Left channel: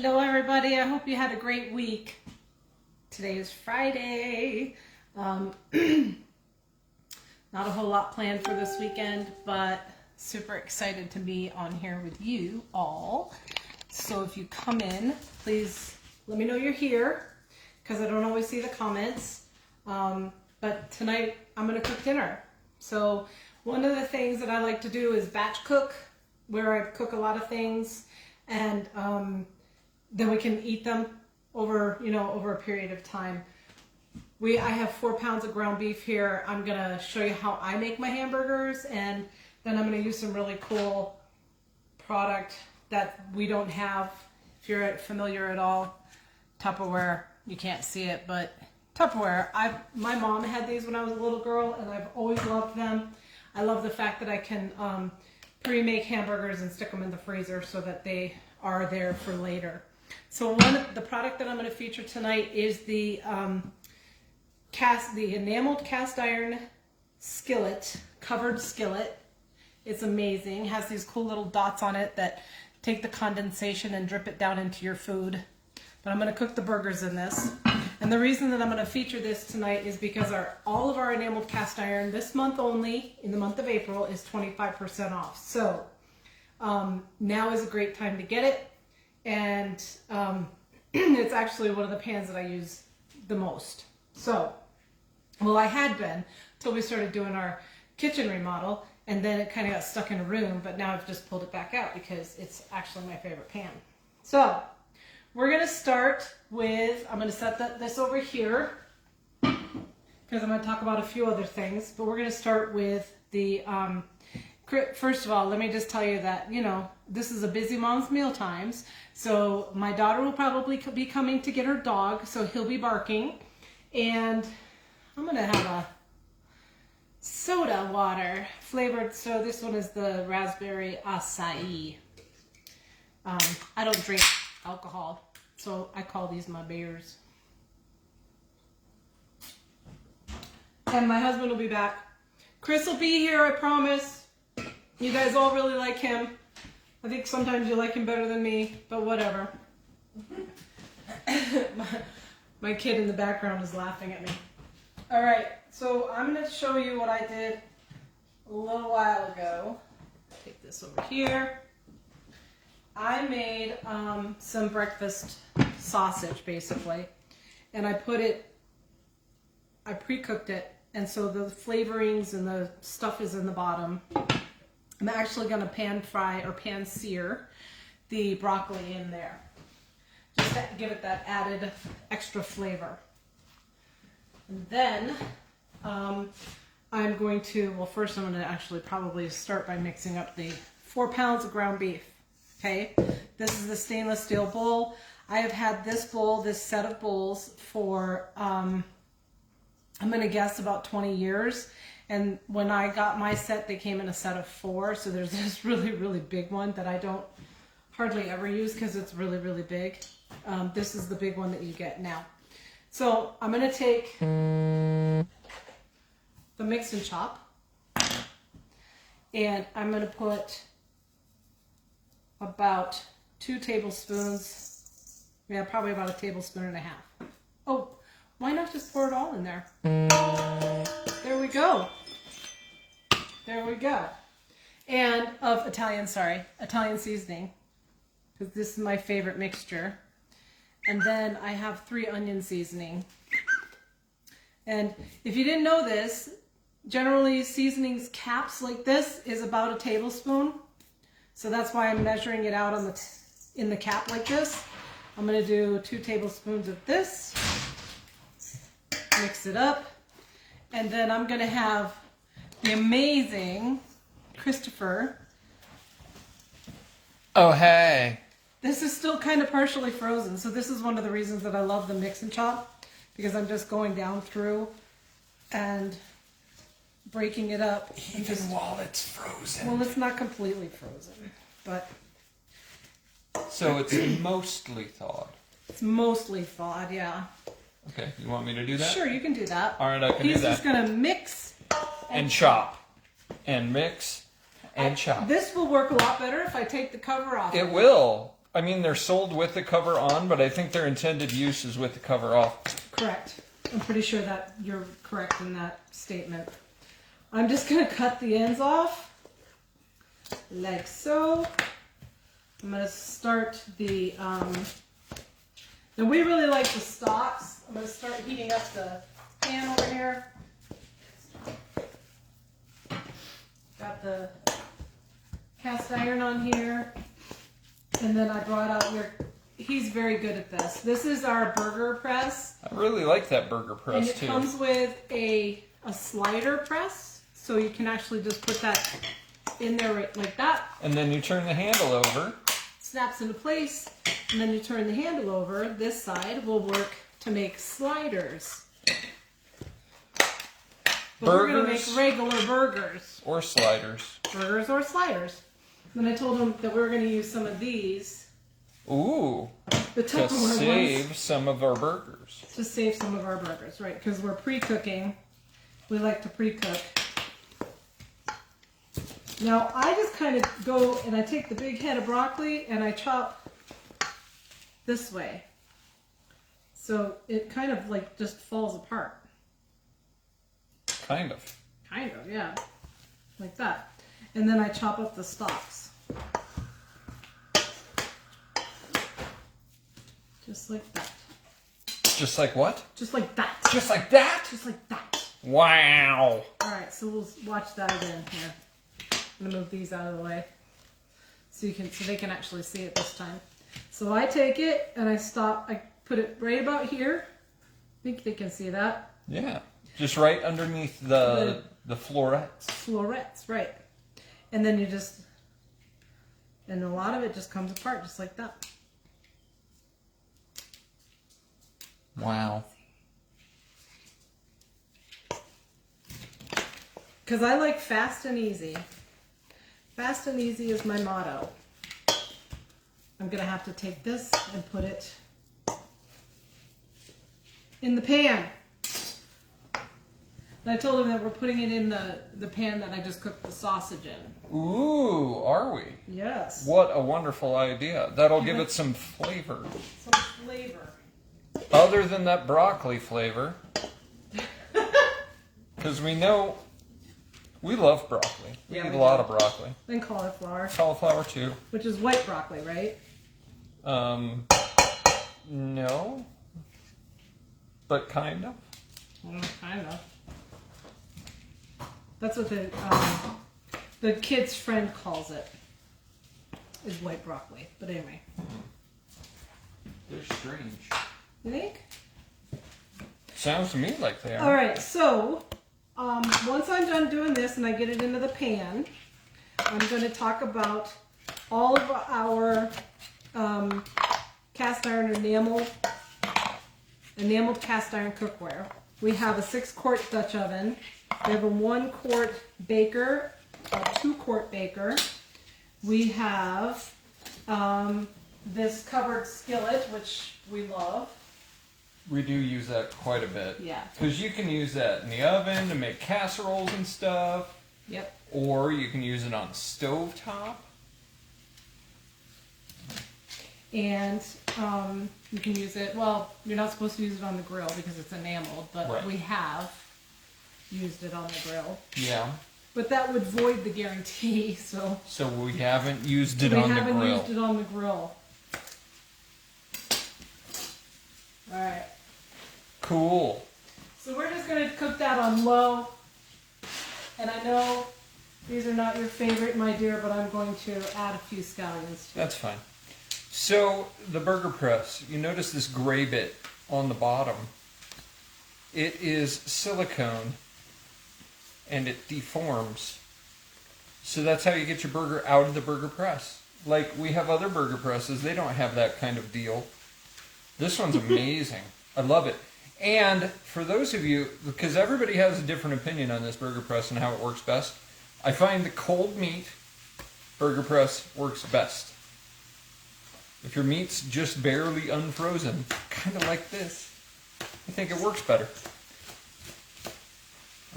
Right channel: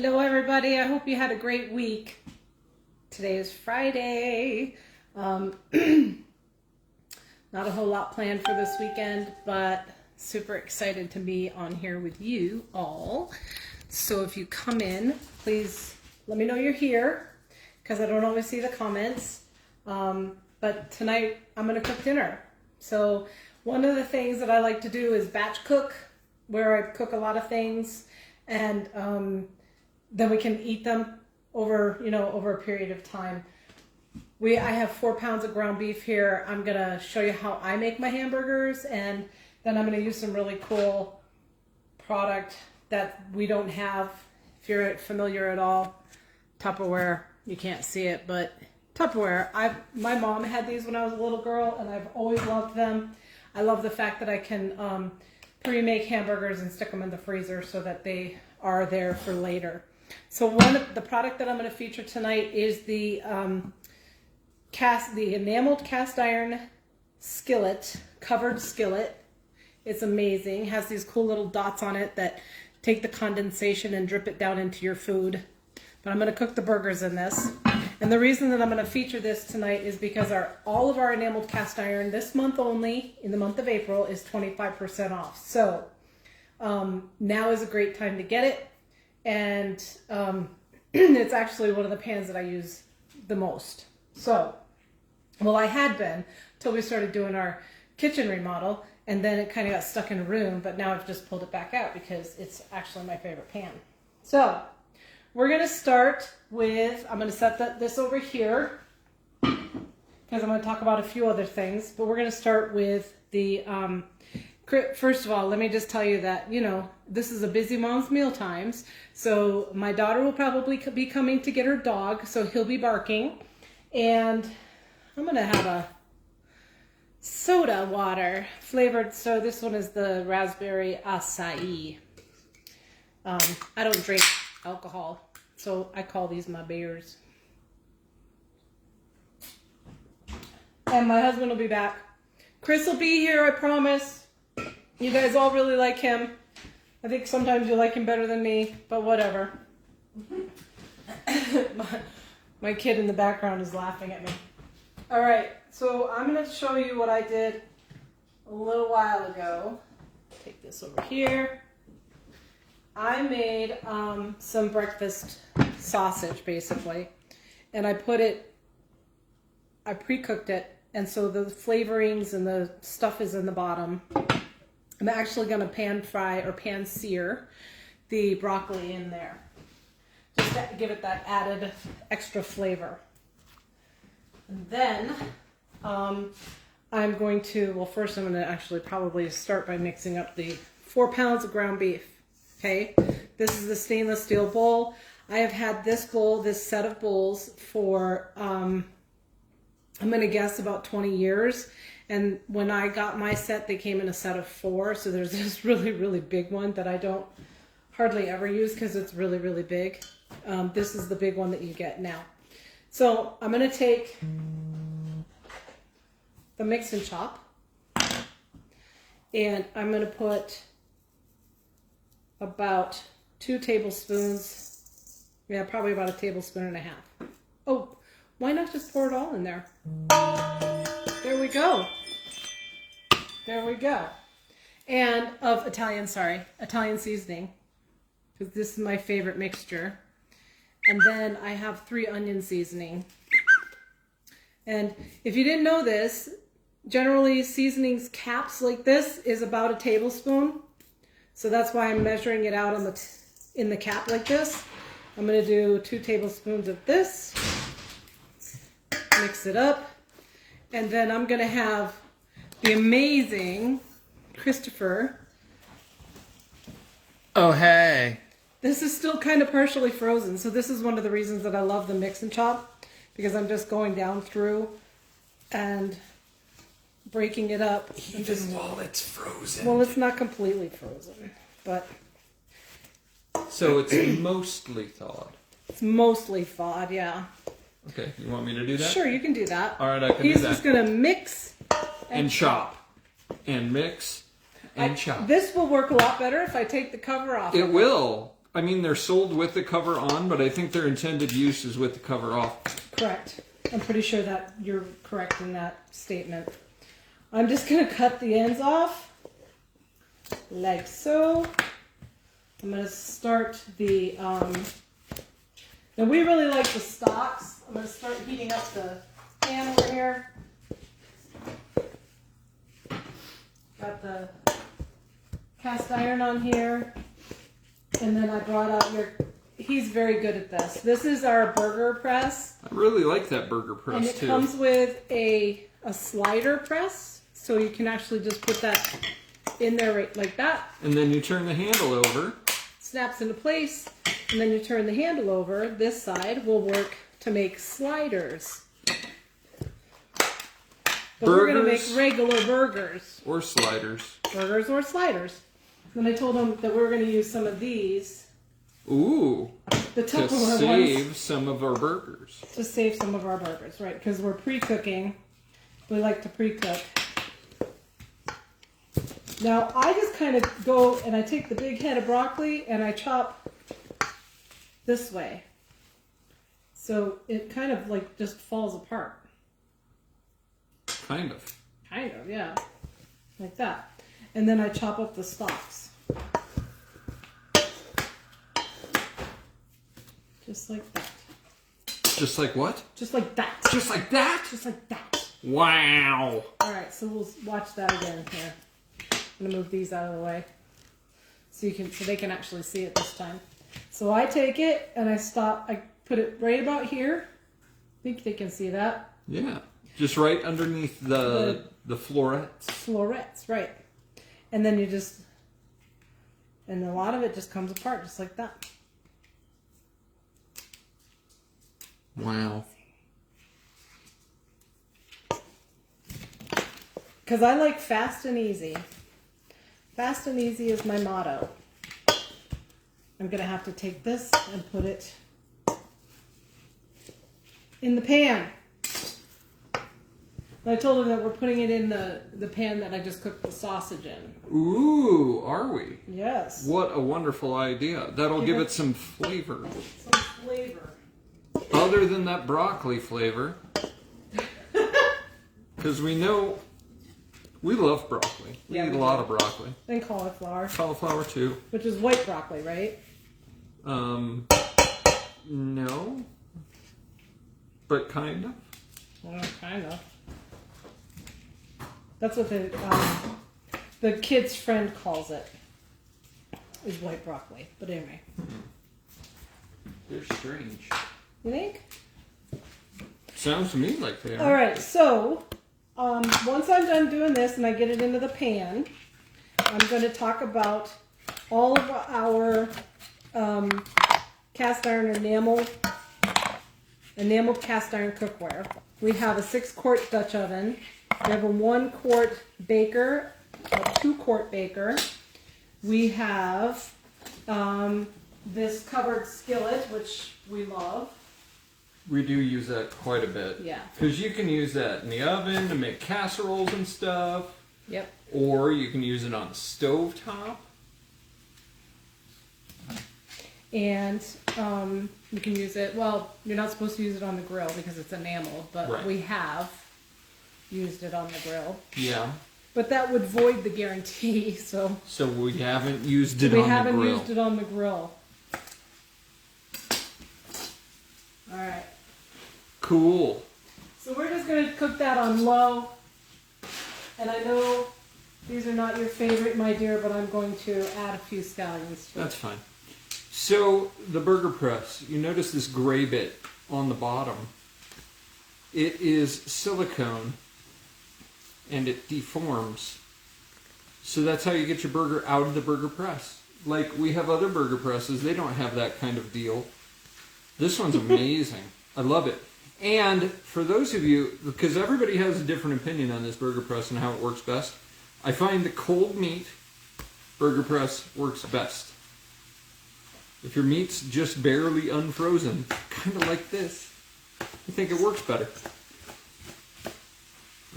Hello everybody, I hope you had a great week. Today is Friday. Not a whole lot planned for this weekend, but super excited to be on here with you all. So if you come in, please let me know you're here, because I don't always see the comments. But tonight I'm going to cook dinner. So one of the things that I like to do is batch cook, where I cook a lot of things, and then we can eat them over a period of time. I have 4 pounds of ground beef here. I'm gonna show you how I make my hamburgers, and then I'm gonna use some really cool product that we don't have. If you're familiar at all, Tupperware, you can't see it, but Tupperware. My mom had these when I was a little girl, and I've always loved them. I love the fact that I can pre-make hamburgers and stick them in the freezer so that they are there for later. So the product that I'm going to feature tonight is the enameled cast iron skillet, covered skillet. It's amazing. It has these cool little dots on it that take the condensation and drip it down into your food. But I'm going to cook the burgers in this. And the reason that I'm going to feature this tonight is because all of our enameled cast iron this month only, in the month of April, is 25% off. So now is a great time to get it. And it's actually one of the pans that I use the most. So, well, I had been till we started doing our kitchen remodel, and then it kind of got stuck in a room, but now I've just pulled it back out because it's actually my favorite pan. So we're going to start with, I'm going to set this over here because I'm going to talk about a few other things, but we're going to start with the, first of all, let me just tell you that, this is a busy mom's meal times. So my daughter will probably be coming to get her dog, so he'll be barking. And I'm going to have a soda water flavored. So this one is the raspberry acai. I don't drink alcohol, so I call these my beers. And my husband will be back. Chris will be here, I promise. You guys all really like him. I think sometimes you like him better than me, but whatever. My kid in the background is laughing at me. All right, so I'm going to show you what I did a little while ago. Take this over here. I made some breakfast sausage, basically, and I pre-cooked it, and so the flavorings and the stuff is in the bottom. I'm actually going to pan fry or pan sear the broccoli in there, just to give it that added extra flavor. And then I'm going to, well, first I'm going to actually probably start by mixing up the 4 pounds of ground beef. Okay, this is the stainless steel bowl. I have had this set of bowls for, I'm going to guess about 20 years. And when I got my set, they came in a set of 4. So there's this really, really big one that I don't hardly ever use because it's really, really big. This is the big one that you get now. So I'm going to take the mix and chop, and I'm going to put about 2 tablespoons. Yeah, probably about 1.5 tablespoons. Oh, why not just pour it all in there? There we go. There we go. And of Italian seasoning, because this is my favorite mixture. And then I have 3 onion seasoning. And if you didn't know this, generally seasonings caps like this is about 1 tablespoon. So that's why I'm measuring it out in the cap like this. I'm going to do 2 tablespoons of this. Mix it up. And then I'm going to have the amazing Christopher. Oh, hey. This is still kind of partially frozen. So this is one of the reasons that I love the mix and chop, because I'm just going down through and breaking it up. Even while it's frozen. Well, it's not completely frozen, but. So it's mostly thawed. It's mostly thawed, yeah. Okay, you want me to do that? Sure, you can do that. All right, I can do that. He's just going to mix. And chop. And mix. And chop. This will work a lot better if I take the cover off. It will. I mean, they're sold with the cover on, but I think their intended use is with the cover off. Correct. I'm pretty sure that you're correct in that statement. I'm just going to cut the ends off like so. I'm going to start the, now we really like the stalks. I'm going to start heating up the pan over here. Got the cast iron on here. And then I brought out he's very good at this. This is our burger press. I really like that burger press And it too. comes with a slider press. So you can actually just put that in there right like that. And then you turn the handle over. Snaps into place. And then you turn the handle over. This side will work to make sliders. But we're going to make regular burgers. Or sliders. Burgers or sliders. Then I told him that we were going to use some of these. Ooh. The To Tupperware save ones. some of our burgers. To save some of our burgers, right? Because we're pre-cooking. We like to pre-cook. Now, I just kind of go and I take the big head of broccoli and I chop this way. So it kind of like just falls apart. Kind of. Kind of, yeah. Like that. And then I chop up the stalks. Just like that. Just like what? Just like that. Just like that? Just like that. Wow. Alright, so we'll watch that again here. I'm gonna move these out of the way. So they can actually see it this time. So I take it and I put it right about here. I think they can see that. Yeah. Just right underneath the florets. Florets, right. And then and a lot of it just comes apart just like that. Wow. Because I like fast and easy. Fast and easy is my motto. I'm going to have to take this and put it in the pan. And I told him that we're putting it in the pan that I just cooked the sausage in. Ooh, are we? Yes. What a wonderful idea. That'll give it some flavor. Some flavor. Other than that broccoli flavor. Because we know we love broccoli. We Yeah, eat we a lot do. of broccoli. And cauliflower. Cauliflower too. Which is white broccoli, right? No. But kind of. Well, kind of. That's what the kid's friend calls it. Is white broccoli. But anyway. They're strange. You think? Sounds to me like they are. All right, so once I'm done doing this and I get it into the pan, I'm going to talk about all of our cast iron enameled cast iron cookware. We have a 6-quart Dutch oven. We have a 1-quart baker, a 2-quart baker. We have this covered skillet, which we love. We do use that quite a bit. Yeah. Because you can use that in the oven to make casseroles and stuff. Yep. Or you can use it on a stovetop. And you can use it, well, you're not supposed to use it on the grill because it's enameled, but Right. we have used it on the grill. Yeah. But that would void the guarantee, so So we haven't used it we on the haven't grill. used it on the grill. Alright, Cool. so we're just going to cook that on low. And I know these are not your favorite, my dear, but I'm going to add a few scallions to it. That's fine. So the burger press, you notice this gray bit on the bottom. It is silicone and it deforms. So that's how you get your burger out of the burger press. Like we have other burger presses, they don't have that kind of deal. This one's amazing. I love it. And for those of you, because everybody has a different opinion on this burger press and how it works best, I find the cold meat burger press works best. If your meat's just barely unfrozen, kind of like this, I think it works better.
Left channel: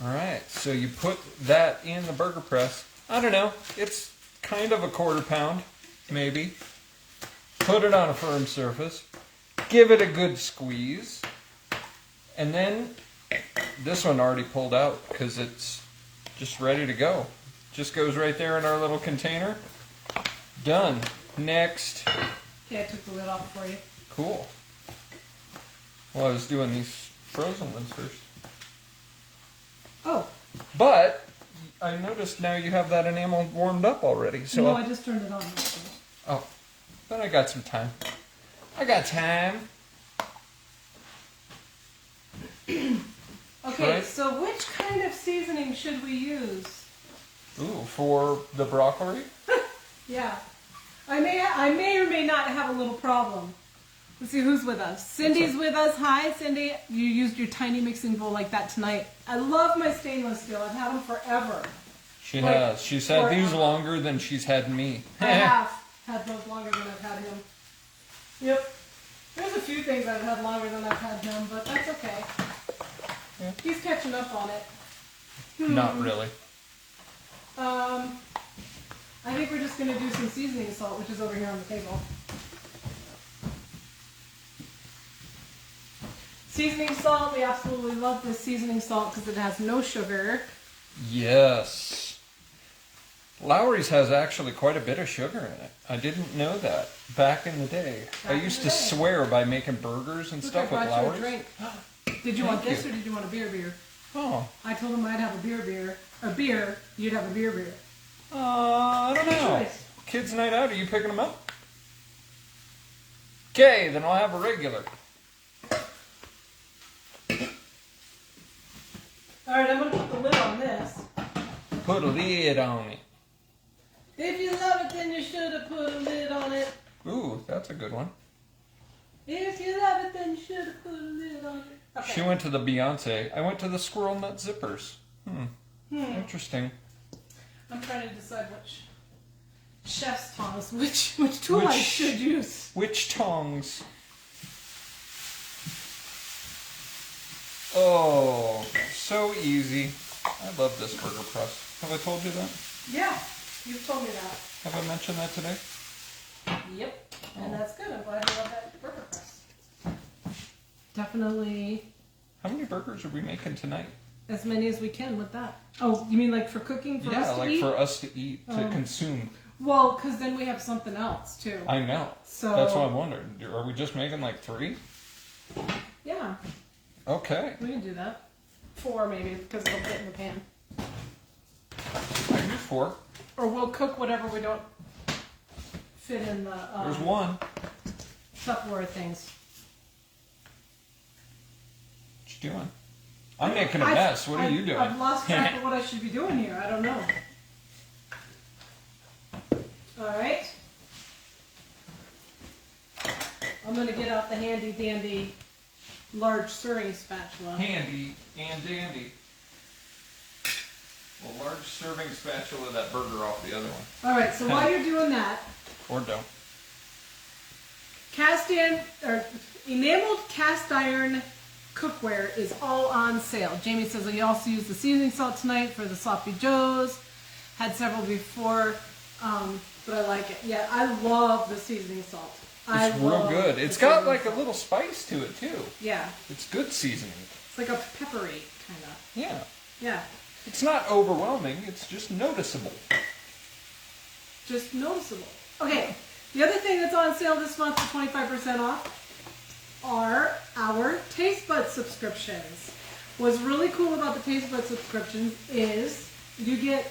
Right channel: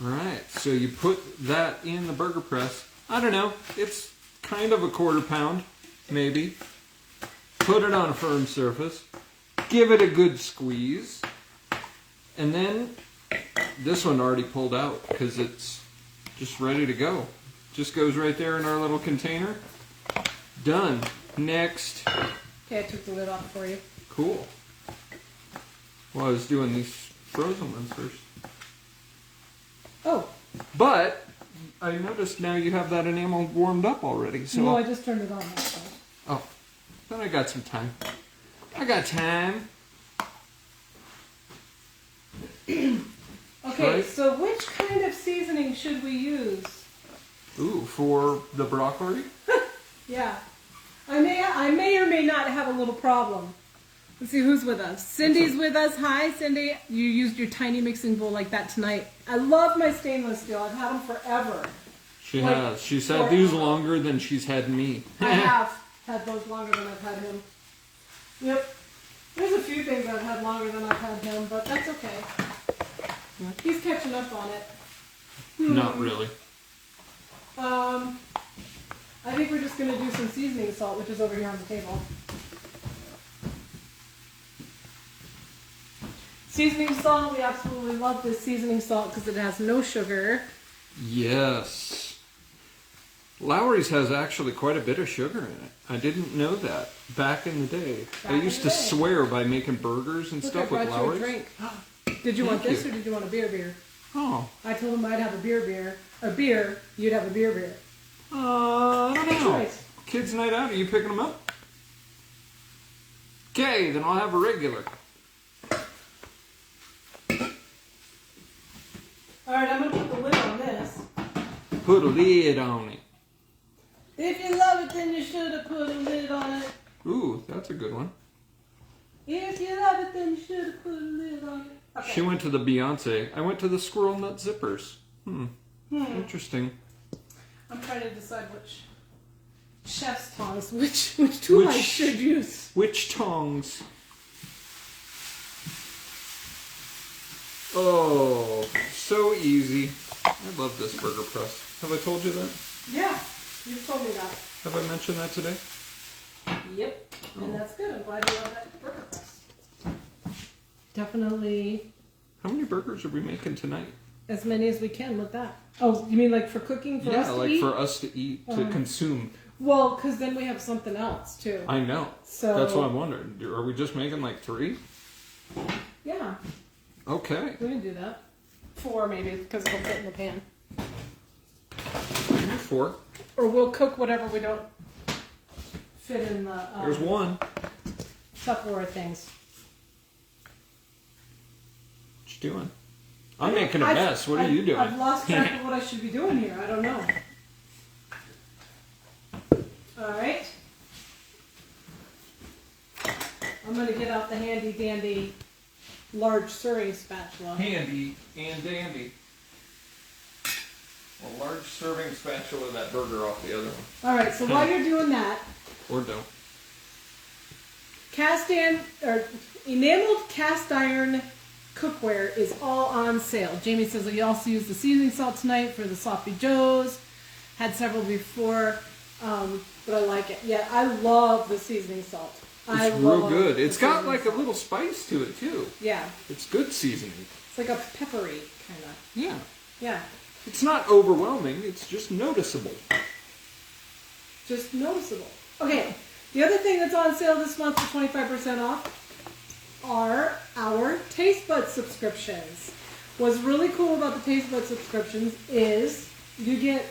Alright, so you put that in the burger press. I don't know, it's kind of a 1/4 pound, maybe. Put Put it on a firm surface. Give it a good squeeze. And then this one already pulled out because it's just ready to go. Just goes right there in our little container. Done. Next. Okay, I took the lid off for you. Cool. Well, I was doing these frozen ones first. Oh, But I noticed now you have that enamel warmed up already. So no, I just turned it on. That's all. oh, then I got some time. I got time. Okay, Right. so which kind of seasoning should we use? Ooh, for the broccoli? Yeah, I may or may not have a little problem. Let's see who's with us. Cindy's with us. Hi, Cindy. You used your tiny mixing bowl like that tonight. I love my stainless steel. I've had them forever. She Like, has. She's had these longer than she's had me. I have had those longer than I've had him. Yep. There's a few things I've had longer than I've had him, but that's okay. Yeah. He's catching up on it. Not really. I think we're just going to do some seasoning salt, which is over here on the table. Seasoning salt, we absolutely love this seasoning salt because it has no sugar. Yes. Lowry's has actually quite a bit of sugar in it. I didn't know that back in the day. Back I in used the to day. swear by making burgers and Look, stuff I with brought you a Lowry's. drink. Did you want Thank this you. or did you want a beer? Oh. I told him I'd have a beer. A beer, you'd have a beer. I don't know. Choice. Kids' night out, are you picking them up? Okay, then I'll have a regular. Alright, I'm going to put the lid on this. Put a lid on it. If you love it, then you should have put a lid on it. Ooh, that's a good one. If you love it, then you should have put a lid on it. Okay. She went to the Beyonce. I went to the Squirrel Nut Zippers. Interesting. I'm trying to decide which chef's tongs, which tool I Which- should use. Which tongs? Oh, so easy. I love this burger press. Have I told you that? Yeah, you've told me that. Have I mentioned that today? Yep, and that's good. I'm glad you love that burger press. Definitely How many burgers are we making tonight? as many as we can with that. Oh, you mean like for cooking for us Yeah, to like eat? for us to eat, to consume. Well, because then we have something else too. I know. So- That's what I'm wondering. Are we just making like 3? Yeah, Okay. we can do that. 4 maybe, because it'll fit in the pan. Maybe 4. Or we'll cook whatever we don't fit in the There's one. Tupperware things. What you doing? I'm making a mess. What are you doing? I've lost track of what I should be doing here. I don't know. Alright. I'm going to get out the handy dandy large serving spatula. Handy and dandy. A large serving spatula of that burger off the other one. Alright, so while you're doing that, Or don't. enameled cast iron cookware is all on sale. Jamie says that you also used the seasoning salt tonight for the sloppy joes. Had several before, but I like it. Yeah, I love the seasoning salt. It's real love good. the It's got seasoning like a salt. little spice to it too. Yeah, It's good seasoning. it's like a peppery kind of. Yeah. Yeah, It's not overwhelming. It's just noticeable. just noticeable. Okay, the other thing that's on sale this month for 25% off are our Taste Bud subscriptions. What's really cool about the Taste Bud subscriptions is you get,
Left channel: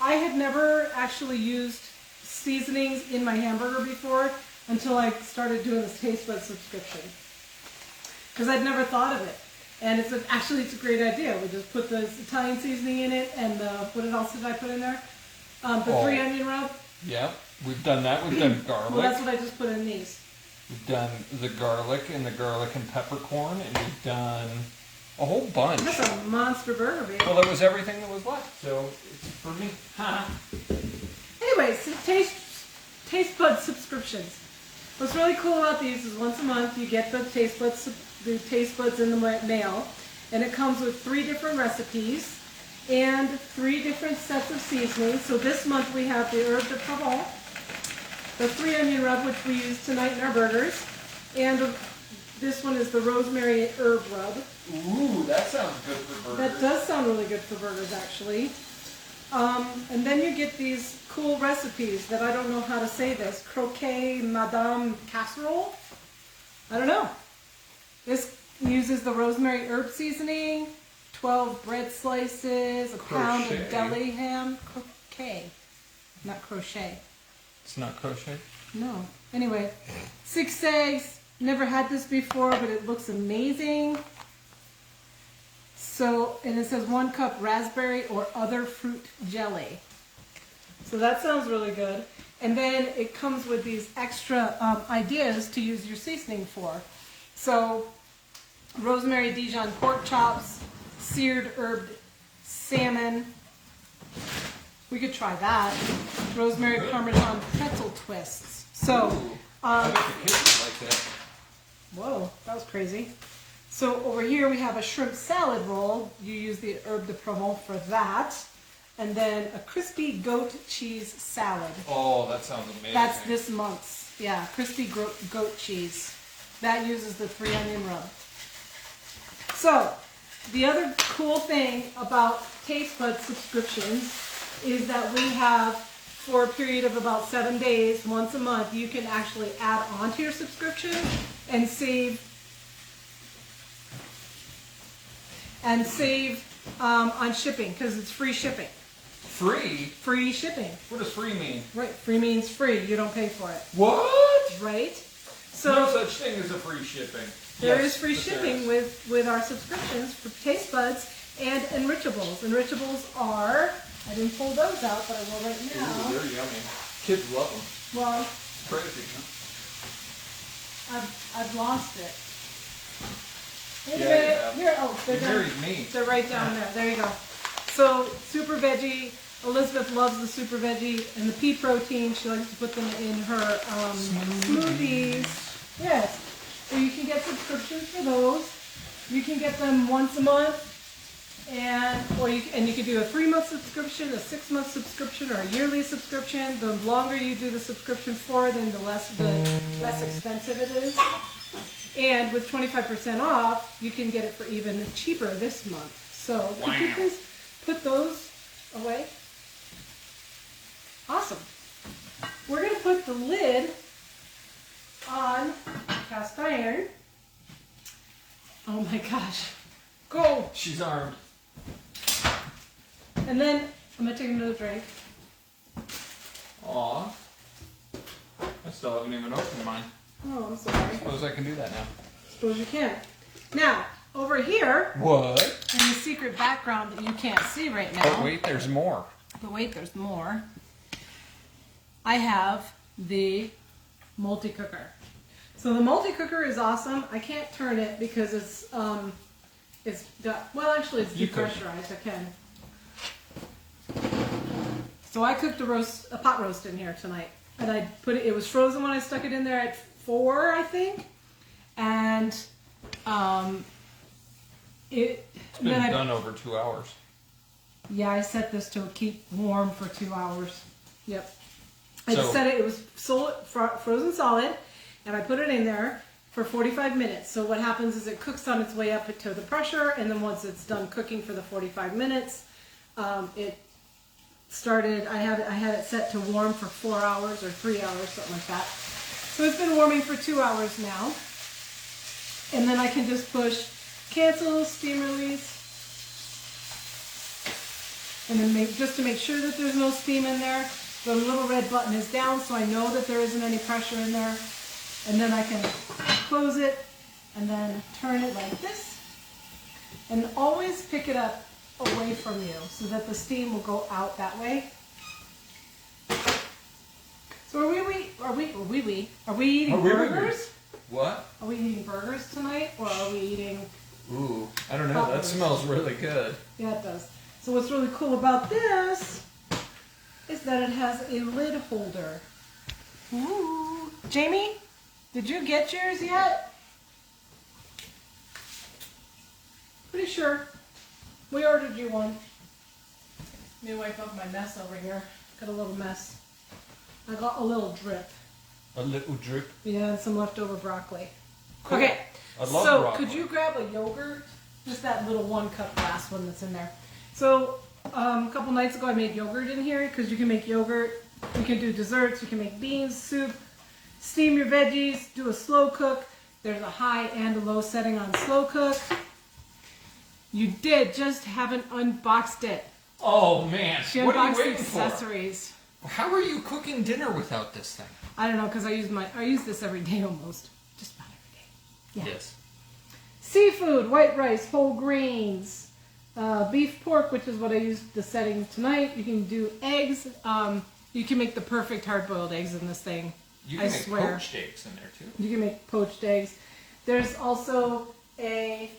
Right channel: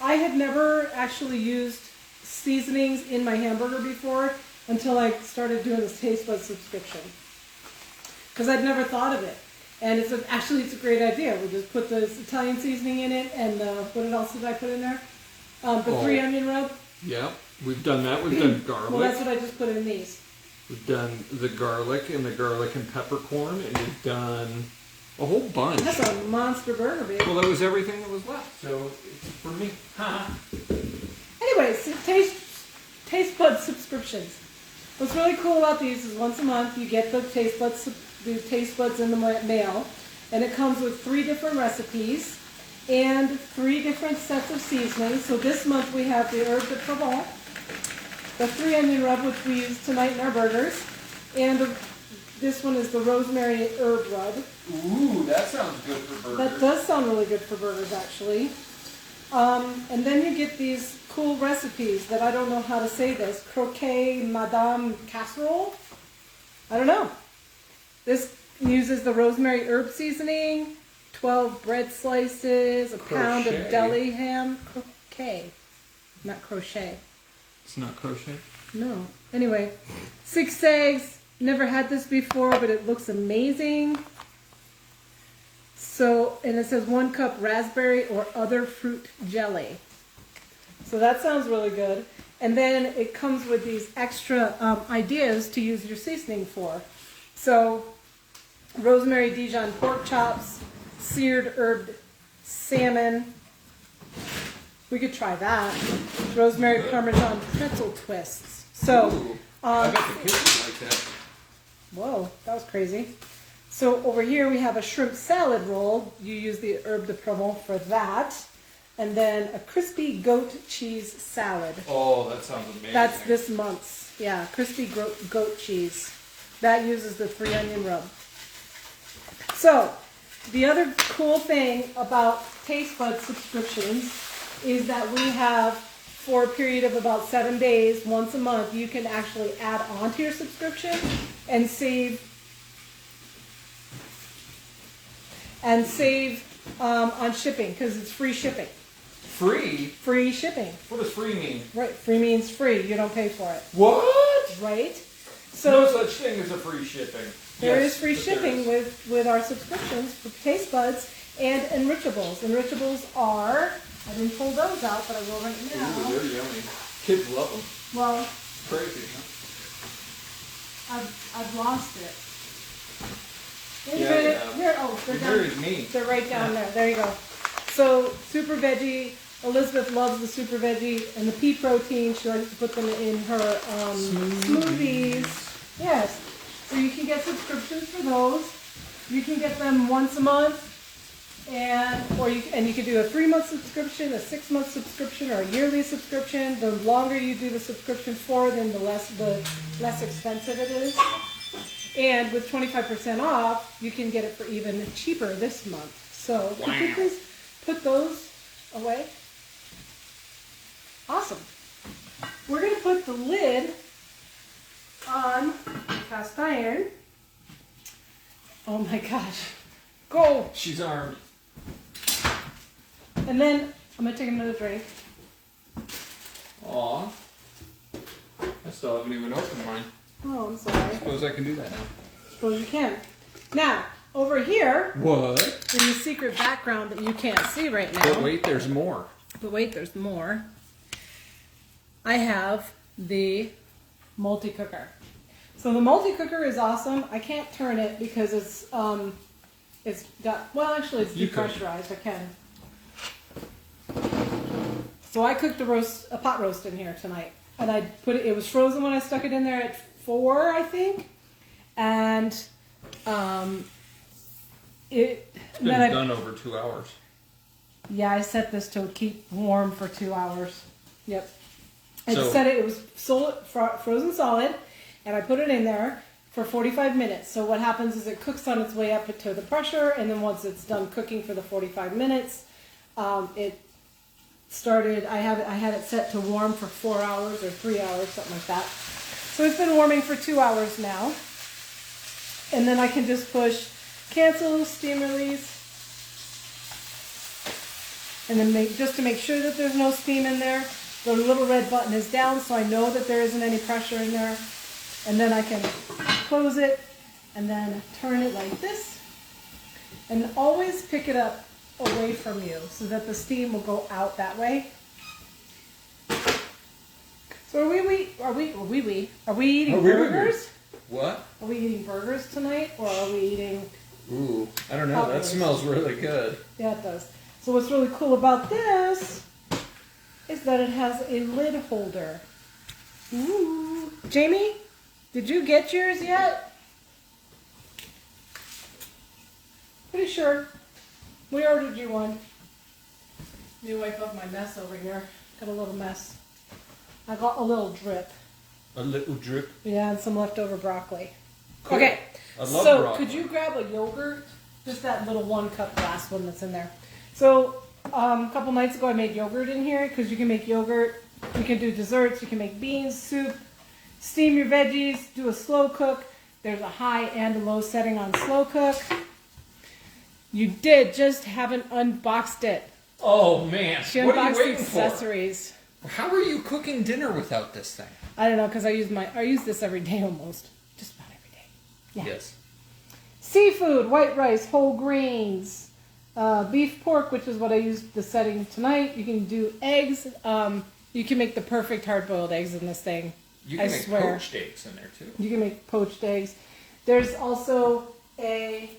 I had never actually used seasonings in my hamburger before until I started doing this Taste Bud subscription. Because I'd never thought of it. And it's a great idea. We just put the Italian seasoning in it and what else did I put in there? The 3 onion rub. Yeah. We've done that. We've done garlic. Well, that's what I just put in these. We've done the garlic and peppercorn, and we've done a whole bunch. That's a monster burger, baby. Well, that was everything that was left, so it's for me. Anyways, Taste Bud subscriptions. What's really cool about these is once a month you get the Taste Buds in the mail, and it comes with 3 different recipes and 3 different sets of seasonings. So this month we have the Herb de Provence, the 3 onion rub, which we use tonight in our burgers, and this one is the rosemary herb rub. Ooh, that sounds good for burgers. That does sound really good for burgers, actually. And then you get these cool recipes that I don't know how to say this. Croquet Madame Casserole? I don't know. This uses the rosemary herb seasoning, 12 bread slices, a pound Crochet. of deli ham. Croquet, not crochet. It's not crochet? No. Anyway, 6 eggs. Never had this before, but it looks amazing. So, and it says 1 cup raspberry or other fruit jelly. So that sounds really good. And then it comes with these extra ideas to use your seasoning for. So, rosemary Dijon pork chops, seared herb salmon. We could try that. Rosemary Parmesan pretzel twists. So, I bet the kids would like that. whoa, that was crazy. So over here we have a shrimp salad roll. You use the herb de Provence for that. And then a crispy goat cheese salad. Oh, that sounds amazing. That's this month's. Yeah, crispy goat cheese. That uses the 3 onion rub. So, the other cool thing about Taste Bud subscriptions is that we have, for a period of about 7 days, once a month, you can actually add on to your subscription and save on shipping, because it's free shipping. Free? Free shipping. What does free mean? Right, free means free. You don't pay for it. What? Right? No So such thing as a free shipping. there Yes, is free but there shipping is. with our subscriptions for Taste Buds and Enrichables. Enrichables are, I didn't pull those out, but I will right Ooh, now. they're yummy. Kids love them. Well, Crazy, huh? I've lost it. Wait a Yeah, minute. yeah. Here, oh, they're Very down. neat. They're right down there. There you go. So super veggie. Elizabeth loves the super veggie and the pea protein. She likes to put them in her smoothies. Yes. So you can get subscriptions for those. You can get them once a month, and you can do a 3-month subscription, a 6-month subscription, or a yearly subscription. The longer you do the subscription for, then the less expensive it is. And with 25% off, you can get it for even cheaper this month. So could you please put those away? Awesome. We're going to put the lid on cast iron. Oh my gosh. Go! She's armed. And then I'm going to take another drink. Aw. I still haven't even opened mine. Oh, I'm sorry. Suppose I can do that now. Suppose you can. Now, over here, What? in the secret background that you can't see right now. But wait, there's more. But wait, there's more. I have the multi-cooker. So the multi-cooker is awesome. I can't turn it because it's got, well, actually it's You could. depressurized. I can. So I cooked a pot roast in here tonight, and I put it. It was frozen when I stuck it in there at 4, I think, and It's been then done over 2 hours. Yeah, I set this to keep warm for 2 hours. Yep. I So- set it, it was frozen solid, and I put it in there for 45 minutes. So what happens is it cooks on its way up to the pressure, and then once it's done cooking for the 45 minutes, it started, I had it set to warm for 4 hours or 3 hours, something like that. So it's been warming for 2 hours now. And then I can just push cancel, steam release, and then just to make sure that there's no steam in there, the little red button is down so I know that there isn't any pressure in there. And then I can close it and then turn it like this. And always pick it up away from you so that the steam will go out that way. So are we eating burgers? What? Are we eating burgers tonight, or are we eating? Ooh, I don't know. Hot That roast. smells really good. Yeah, it does. So what's really cool about this is that it has a lid holder. Ooh. Jamie, did you get yours yet? Pretty sure. We ordered you one. Let me wipe up my mess over here. Got a little mess. I got a little drip. A little drip. Yeah, and some leftover broccoli. Cool. Okay, I love so broccoli. could you grab a yogurt? Just that little 1 cup glass one that's in there. So a couple nights ago I made yogurt in here because you can make yogurt. You can do desserts. You can make beans, soup, steam your veggies, do a slow cook. There's a high and a low setting on slow cook. You just haven't unboxed it. Oh man! She What are you unboxed the waiting for? accessories. How are you cooking dinner without this thing? I don't know because I use this every day almost. Just about every day. Yeah. Yes. Seafood, white rice, whole grains, beef pork, which is what I used the setting tonight. You can do eggs. You can make the perfect hard-boiled eggs in this thing. You I can make swear. poached eggs in there too. You can make poached eggs. There's also a,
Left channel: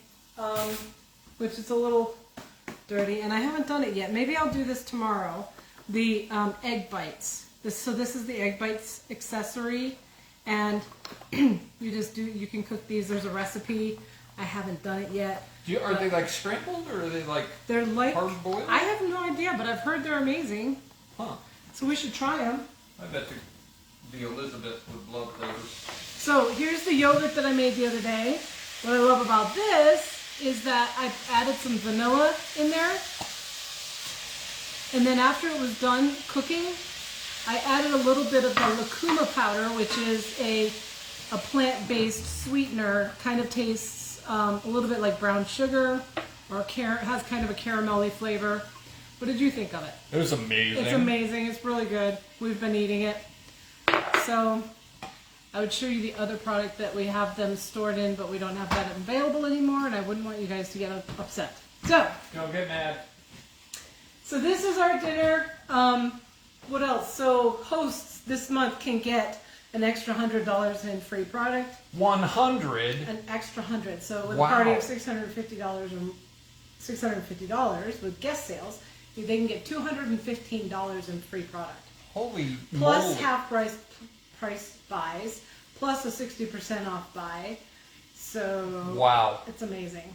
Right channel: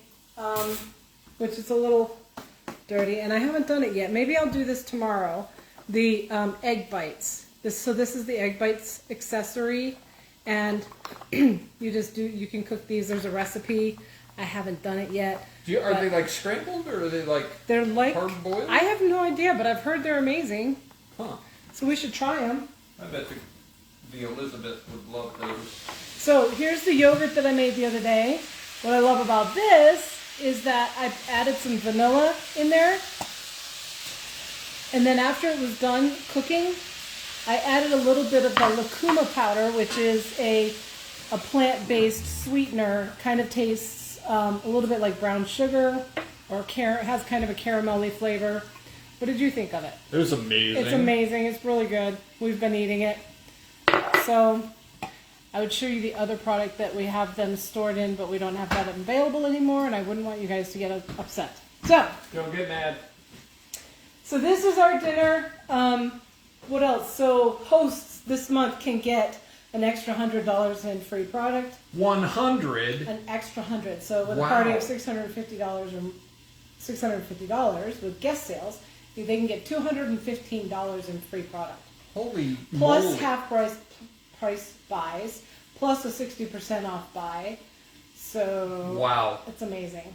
which is a little dirty, and I haven't done it yet. Maybe I'll do this tomorrow. The egg bites. This is the egg bites accessory, and you can cook these. There's a recipe. I haven't done it yet. Are they like scrambled or are they like They're like hard boiled? I have no idea, but I've heard they're amazing. Huh. So we should try them. I bet the Elizabeth would love those. So here's the yogurt that I made the other day. What I love about this is that I added some vanilla in there. And then after it was done cooking, I added a little bit of the lucuma powder, which is a plant-based sweetener. Kind of tastes a little bit like brown sugar, or has kind of a caramelly flavor. What did you think of it? It was amazing. It's amazing. It's really good. We've been eating it. So I would show you the other product that we have them stored in, but we don't have that available anymore, and I wouldn't want you guys to get upset. So Don't get mad. So this is our dinner. What else? So hosts this month can get an extra $100 in free product. 100. An extra 100. So with Wow. a party of $650 or $650 with guest sales, they can get $215 in free product. Holy Plus moly. half price buys, plus a 60% off buy. So Wow. it's amazing.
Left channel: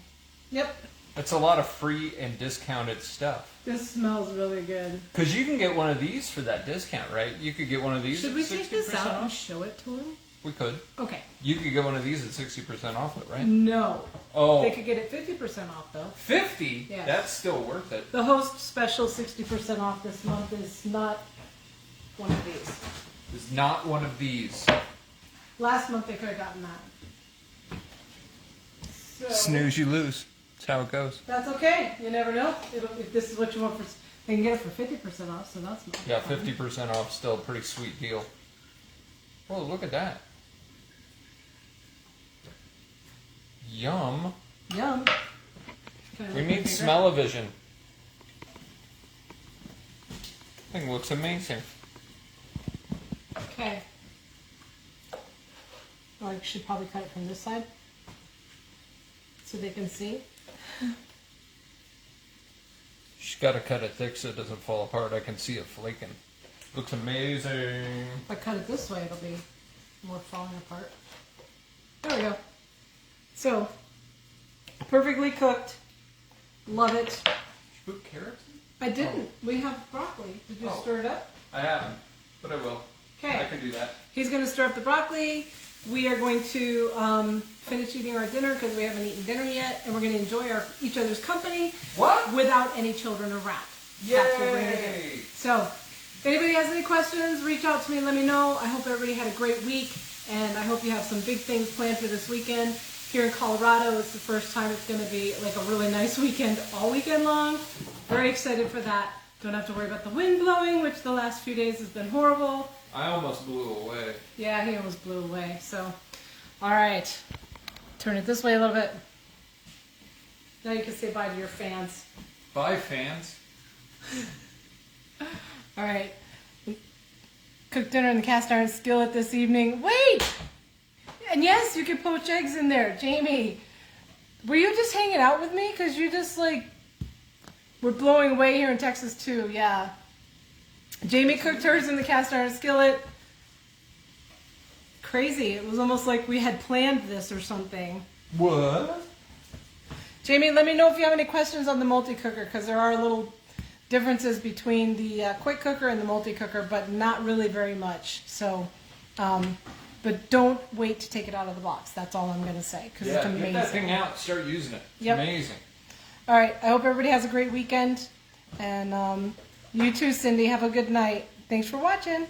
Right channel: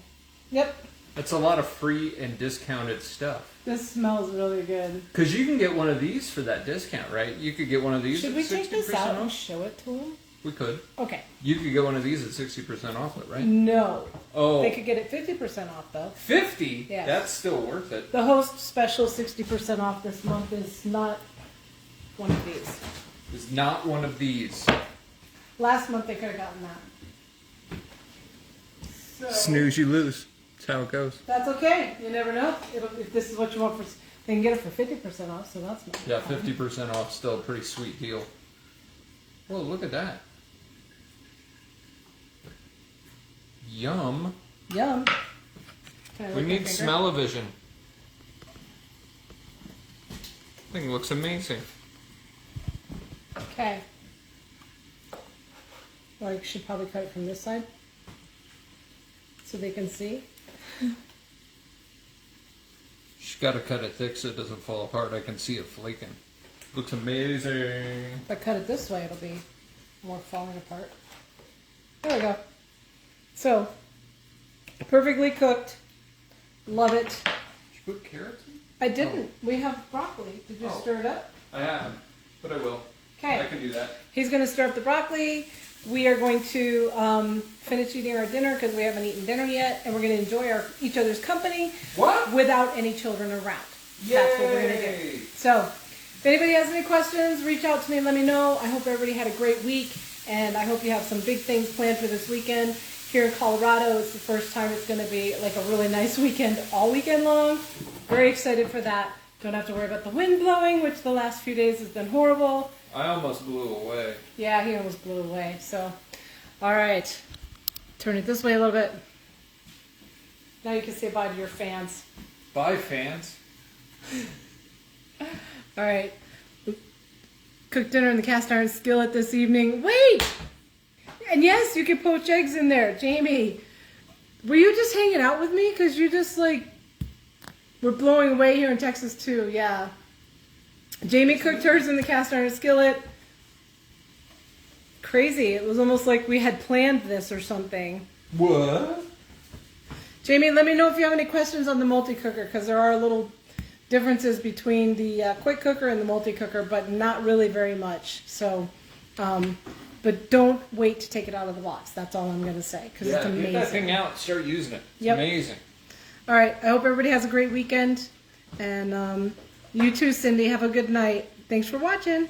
Yep. That's a lot of free and discounted stuff. This smells really good. Because you can get one of these for that discount, right? You could get one of these Should at we 60% take this out and off. show it to them? We could. Okay. You could get one of these at 60% off it, right? No. Oh. They could get it 50% off though. 50? Yeah. That's still worth it. The host special 60% off this month is not one of these. It's not one of these. Last month they could have gotten that. So, Snooze, you lose. That's how it goes. that's okay. You never know. If this is what you want they can get it for 50% off, so that's not Yeah, fun. 50% off. Still a pretty sweet deal. Whoa, look at that. Yum. Yum. Can I We look need at it? smell-o-vision. I think it looks amazing. Okay. Or I should probably cut it from this side so they can see. Just gotta cut it thick so it doesn't fall apart. I can see it flaking. Looks amazing. If I cut it this way, it'll be more falling apart. There we go. So, perfectly cooked. Love it. Did you put carrots in? I didn't. We have broccoli. Did you Oh. stir it up? I haven't, but I will. Okay. I can do that. He's going to stir up the broccoli. We are going to finish eating our dinner because we haven't eaten dinner yet, and we're going to enjoy each other's company What? without any children around. That's what we're going to do. Yay! So, if anybody has any questions, reach out to me. Let me know. I hope everybody had a great week, and I hope you have some big things planned for this weekend. Here in Colorado, it's the first time it's going to be like a really nice weekend all weekend long. Very excited for that. Don't have to worry about the wind blowing, which the last few days has been horrible. I almost blew away. Yeah, he almost blew away. So, all right. Turn it this way a little bit. Now you can say bye to your fans. Bye, fans. All right. We cooked dinner in the cast iron skillet this evening. Wait! And yes, you can poach eggs in there. Jamie, were you just hanging out with me? Because you just like were blowing away here in Texas too. Yeah. Jamie cooked hers in the cast iron skillet. Crazy. It was almost like we had planned this or something. What? Jamie, let me know if you have any questions on the multi-cooker, because there are little differences between the quick cooker and the multi-cooker, but not really very much. So But don't wait to take it out of the box. That's all I'm going to say because it's amazing. Get that thing out and start using it. It's amazing. All right. I hope everybody has a great weekend. And you too, Cindy. Have a good night. Thanks for watching.